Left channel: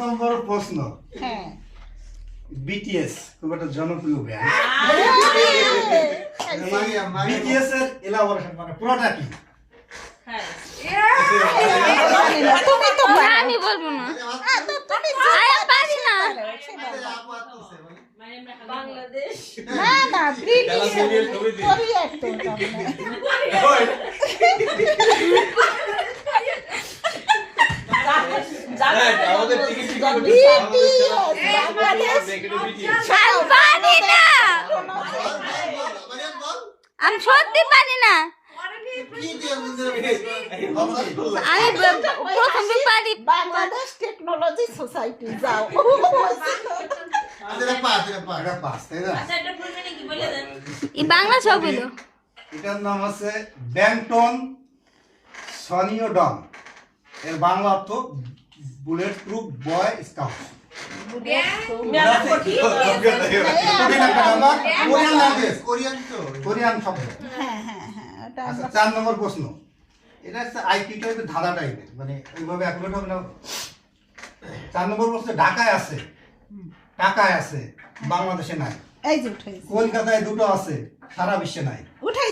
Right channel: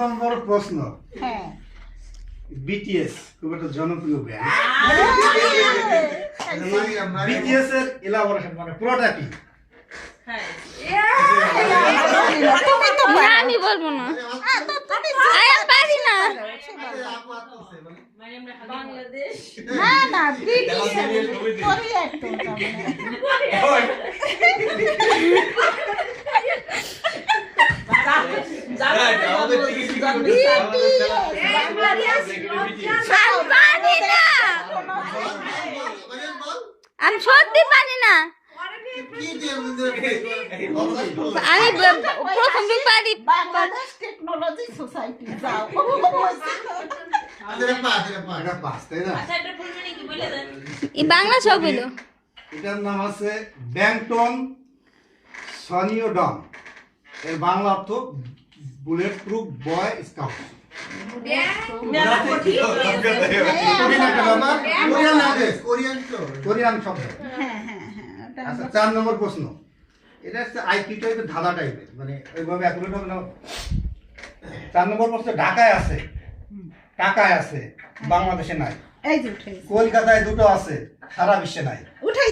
নম্বর প্রশ্ন। হ্যাঁ বিটিএস খুব একটা জনপ্রিয় ব্যান্ড। বিটিএস এর এলাবোরেশন মানে পুরোটা কি? না আমি বলবো না, আমি পারি না। বাংলাদেশ না না ব্রিটিশ কোরিয়ার তো আমি সত্যি পারি না, আমি প্রথম পারি। বাংলাদেশ টেকনোলজি সোসাইটি যাও এটা পাস, তাই না? আচ্ছা এটা ফুল মিনিং কি বলে দেন? এই বাংলা সব হইলো। এটার নাম আছে ব্যাংটন সনিওডন। এর বাংলা অর্থ বুলেট প্রুফ বয় স্কাউট। কোরিয়ান শব্দ। হ্যাঁ হ্যাঁ হ্যাঁ ওটা আচ্ছা, 4 নম্বর প্রশ্ন। এটা হচ্ছে আইকিটা একটু ধাঁধা টাইপের, মানে ওইভাবে অ্যাকুরেট হবে না। 4 নম্বর প্রশ্ন, ঢাকায় আছে, টাকায় আছে, বাংলাদেশে নাই। এই যে উঠাই কলকাতায় দুটো আছে, সারা বিশ্বে নাই। উঠাই